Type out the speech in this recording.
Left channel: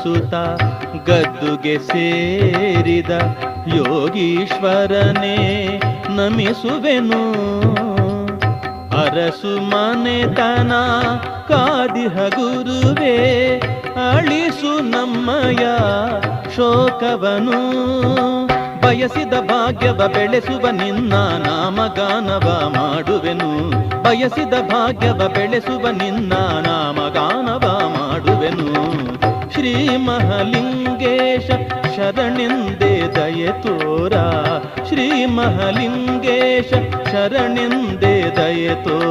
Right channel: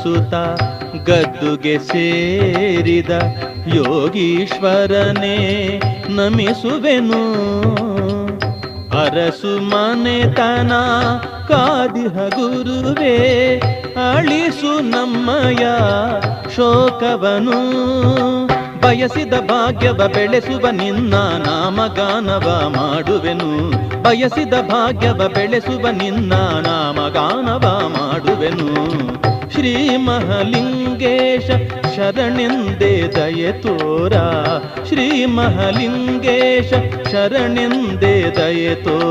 ವಂದಿಸುತ್ತ ಗದ್ದುಗೆ ಸೇರಿದ ಯೋಗೀಶ್ವರನೇ ನಮಿಸುವೆನು. ಅರಸು ಮನೆತನ ಕಾದಿಹ ಗುರುವೇ ಅಳಿಸು ನಮ್ಮಯ ಶೋಕವನು. ಬಯಸಿದ ಭಾಗ್ಯವ ಬೆಳೆಸುವ ನಿನ್ನ ನಾಮಗಾನವ ಮಾಡುವೆನು. ಬಯಸಿದ ಭಾಗ್ಯವ ಬೆಳೆಸುವ ನಿನ್ನ ನಾಮಗಾನವ ಮಾಡುವೆನು. ಶ್ರೀ ಮಹಾಲಿಂಗೇಶ ಶರಣೆಂದೇ ದಯೆ ತೋರ. ಶ್ರೀ ಮಹಾಲಿಂಗೇಶ ಶರಣೆಂದೇ ದಯೆ ತೋರ.